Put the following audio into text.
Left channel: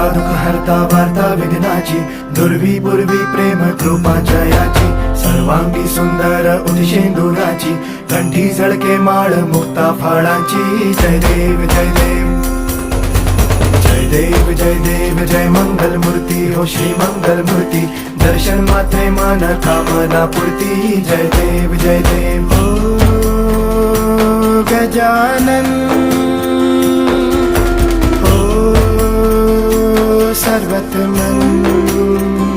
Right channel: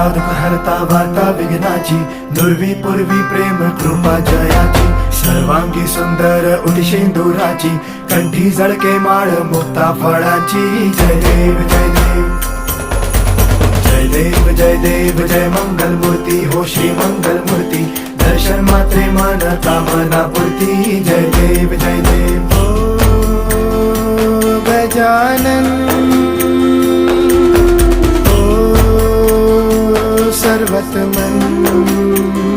हरता दुःख हरता वार्ता विघ्नाची, दुर्वी पूर्वी प्रेम कृपा जयाची, सर्वांगी सुंदर उदिशेंदुराची, कंठी झळके माळ मुक्ता फळाची. जय देव जय देव जय देव जय देव जय मंगल मूर्ती हो श्री मंगल मूर्ती, दर्शन मात्रे मन कामना पूर्ती. जय देव जय देव हो गजानन हो सर्वतमन.